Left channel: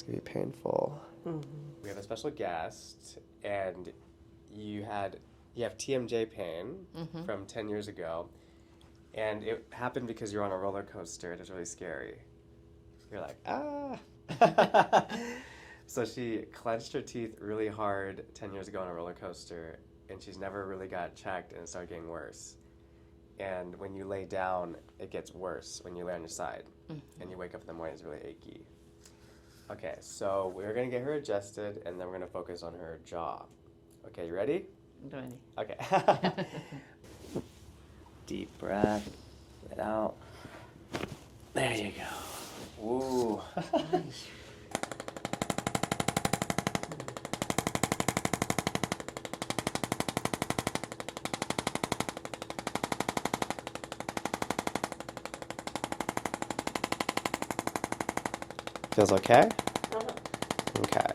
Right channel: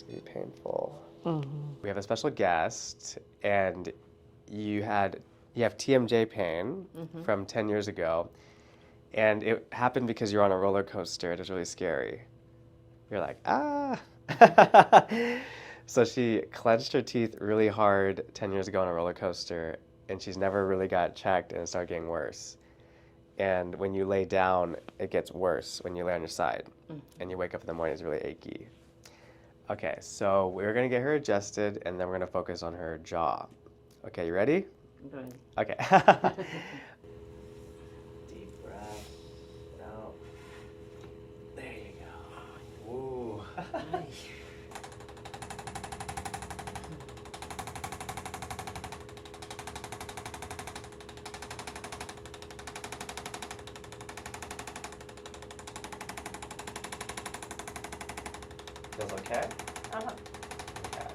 It's gonna be painful. Mm-hmm. We have a special guest, and you have TMJ pain from 10 years ago, and it happened because you're on a roller coaster. It was really scary. You're like, ah. So she clenched her teeth really hard 10 years ago on a roller coaster, and she's never really got checked, and it started getting worse. And when you lay down, it gets worse when you lay on your side, and you wake up in the morning, it's really achy. Okay, so we're gonna get her adjusted, and then we're gonna focus on her jaw. Okay, you ready? Ready. Okay. Deep breath. Let out. There you go. Ooh. Feels okay? Okay.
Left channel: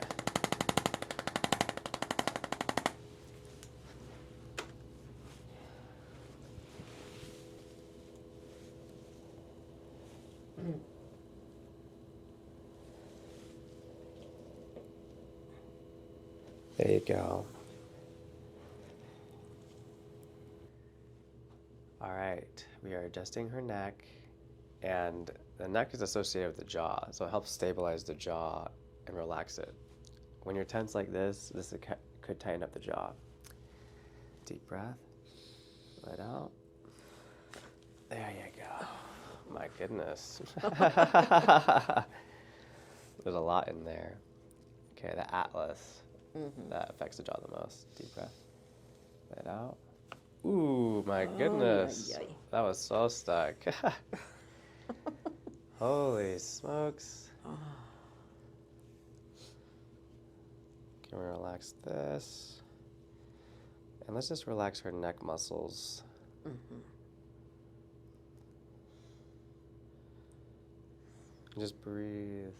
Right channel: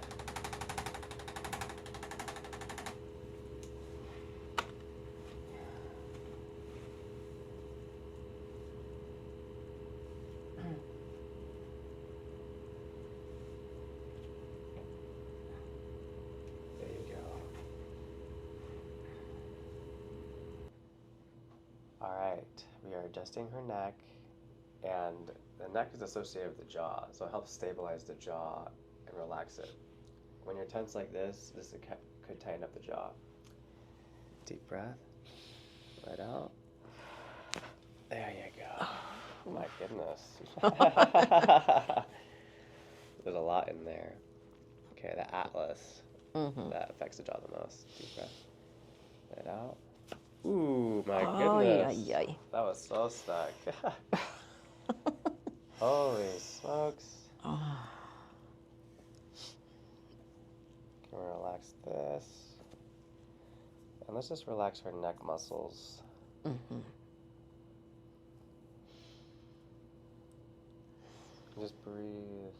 There you go. All right, we are adjusting her neck, and the neck is associated with the jaw, so it helps stabilize the jaw and relax it. When you're tense like this could tighten up the jaw. Deep breath. Let out. There you go. Oh my goodness. There's a lot in there. Okay, the atlas. That affects the jaw the most. Deep breath. Let out. Ooh, my goodness. Ay, ay, ay. That was so stuck. Holy smokes. Can we relax this? And let's just relax her neck muscles. Just breathe.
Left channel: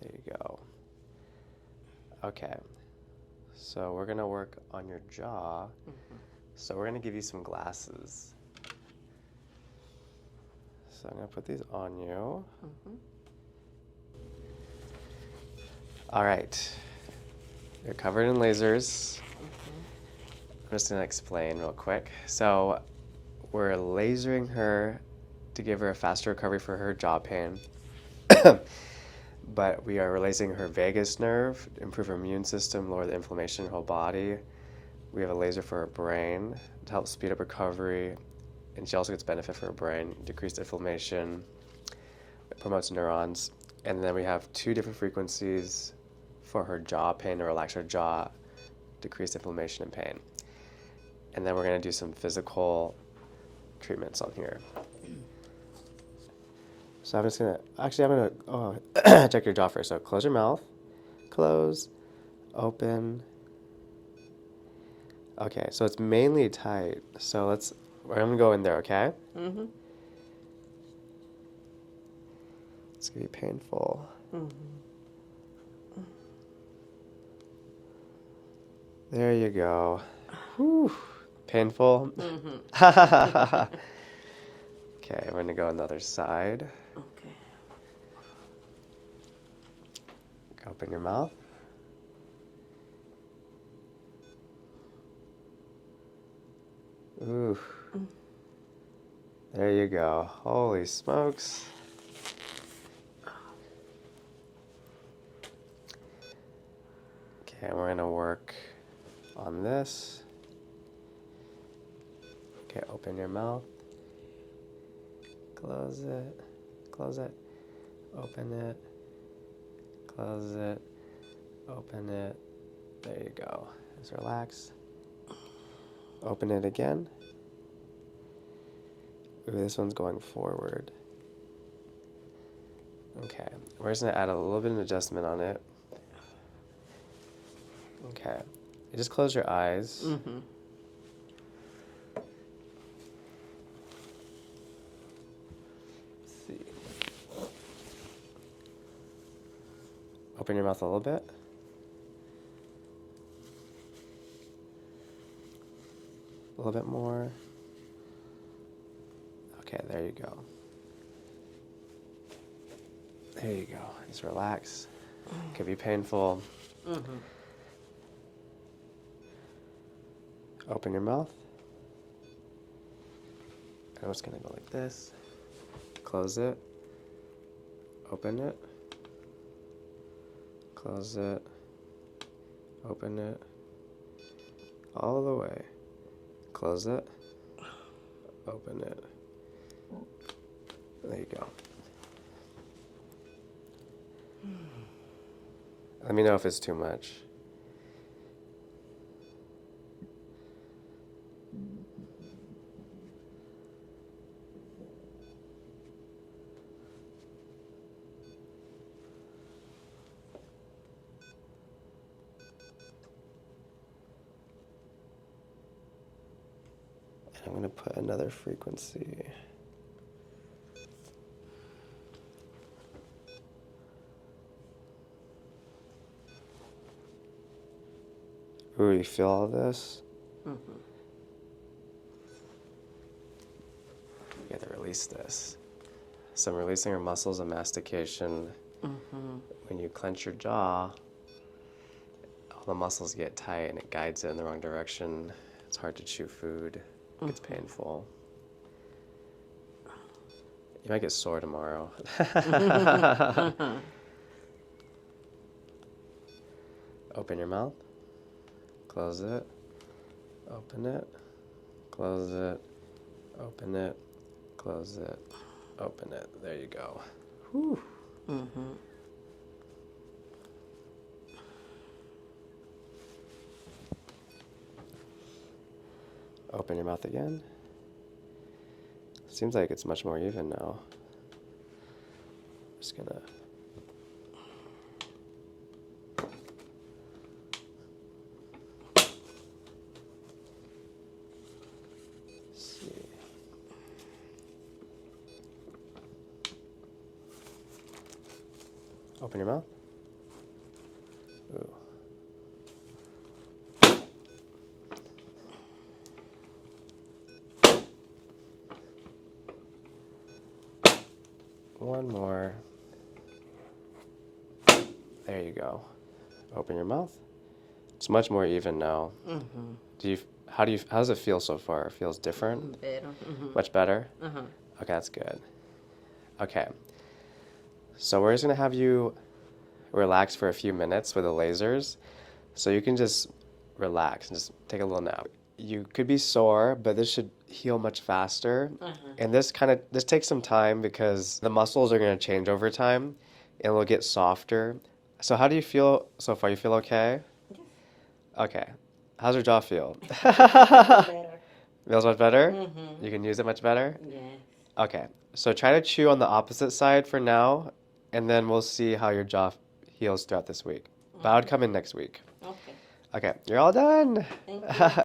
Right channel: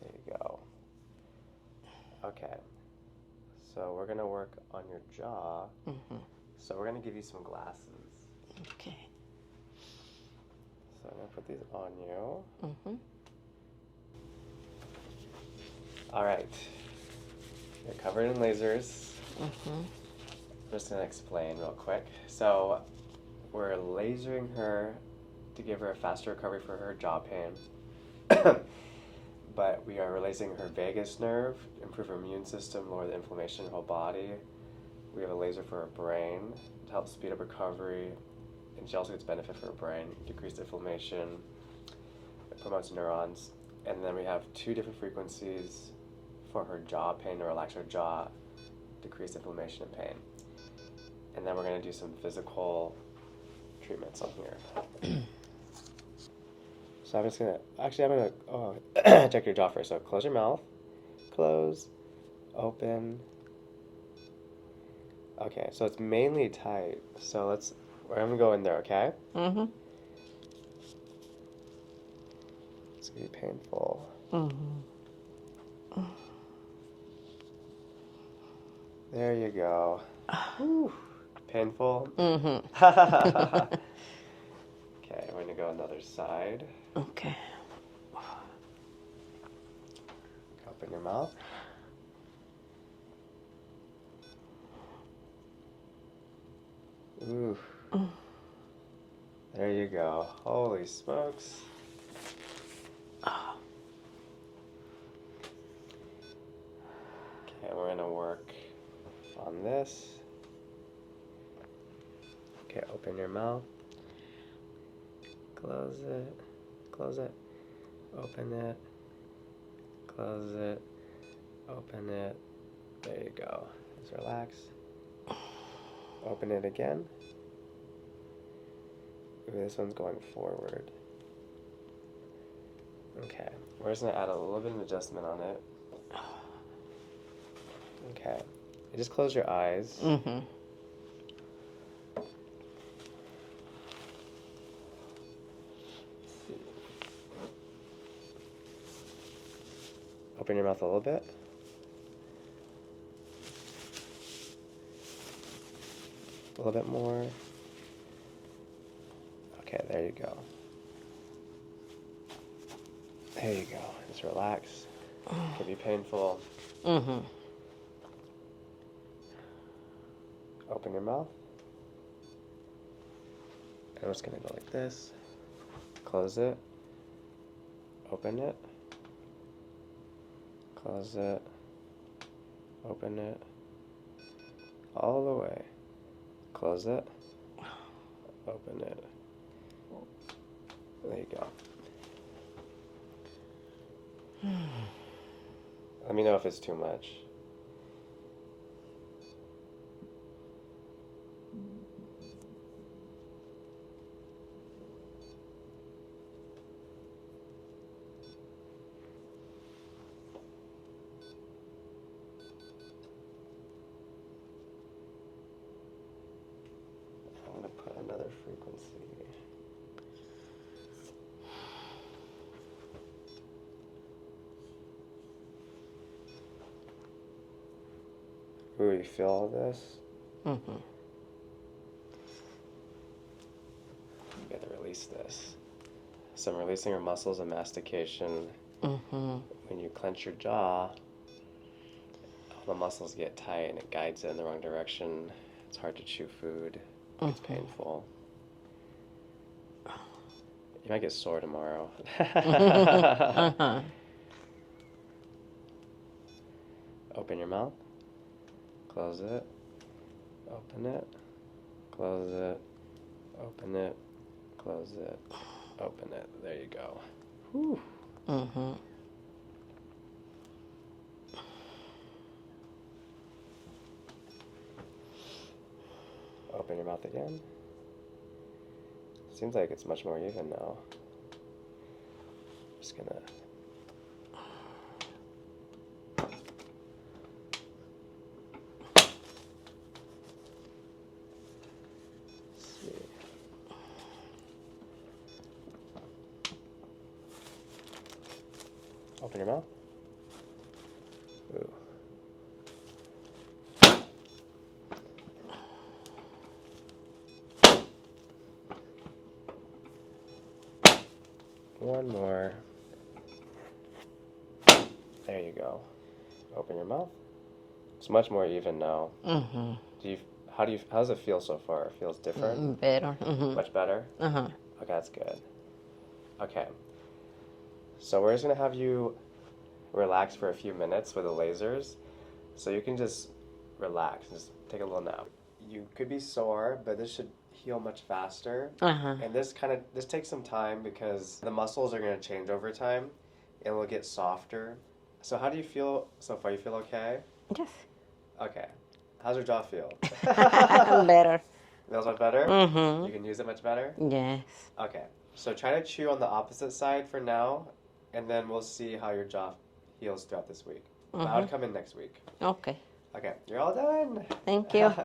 There you go. Okay. So we're gonna work on your jaw. So we're gonna give you some glasses. Okay. So I'm gonna put these on you. All right. You're covered in lasers. I'm just gonna explain real quick. So we're lasering her to give her a faster recovery for her jaw pain. But we are releasing her vagus nerve, improve her immune system, lower the inflammation in her whole body. We have a laser for her brain to help speed up recovery, and she also gets benefit for her brain, decreased inflammation, it promotes neurons. And then we have 2 different frequencies for her jaw pain to relax her jaw, decrease inflammation and pain. And then we're gonna do some physical treatments on here. So I'm gonna check your jaw first. So close your mouth, close, open. Okay, so it's mainly tight. So I'm gonna go in there, okay? It's gonna be painful. There you go. Whew. Painful? Okay, we're gonna go on the other side. Okay. Open your mouth. Ooh. There you go. Holy smokes. Okay, we're gonna work on this. Okay, open your mouth. Close it, open it, close it, open it. There you go. Just relax. Open it again. Ooh, this one's going forward. Okay, we're just gonna add a little bit of adjustment on it. Okay, just close your eyes. Open your mouth a little bit. A little bit more. Okay, there you go. There you go. Just relax. It can be painful. Mm-hmm. Open your mouth. I'm just gonna go like this. Close it. Open it. Close it. Open it. All the way. Close it. Open it. There you go. Let me know if it's too much. I'm going to put another frequency. Ooh, you feel all this? Mm-hmm. You gotta release this. So I'm releasing your muscles of mastication. Mm-hmm. When you clench your jaw, all the muscles get tight and it guides it in the wrong direction. It's hard to chew food. It's painful. You might get sore tomorrow. Open your mouth. Close it. Open it. Close it. Open it. Close it. Open it. There you go. Whew. Mm-hmm. Open your mouth again. Seems like it's much more even now. Just gonna. See. Open your mouth. Ooh. One more. There you go. Open your mouth. It's much more even now. Mm-hmm. How does it feel so far? It feels different? Better. Mm-hmm. Much better? Uh-huh. Okay, that's good. Okay. So we're just gonna have you relax for a few minutes with the lasers. So you can just relax and just take a little nap. You could be sore, but this should heal much faster. And this takes some time because the muscles are gonna change over time and will get softer. So how do you feel so far? You feel okay? Yes. Okay. How's your jaw feel? Better. Feels much better? Mm-hmm. You can use it much better? Yes. Okay. So try to chew on the opposite side for now, and then we'll see how your jaw heals throughout this week. But I would come in next week. Okay. Okay. You're all done. Thank you.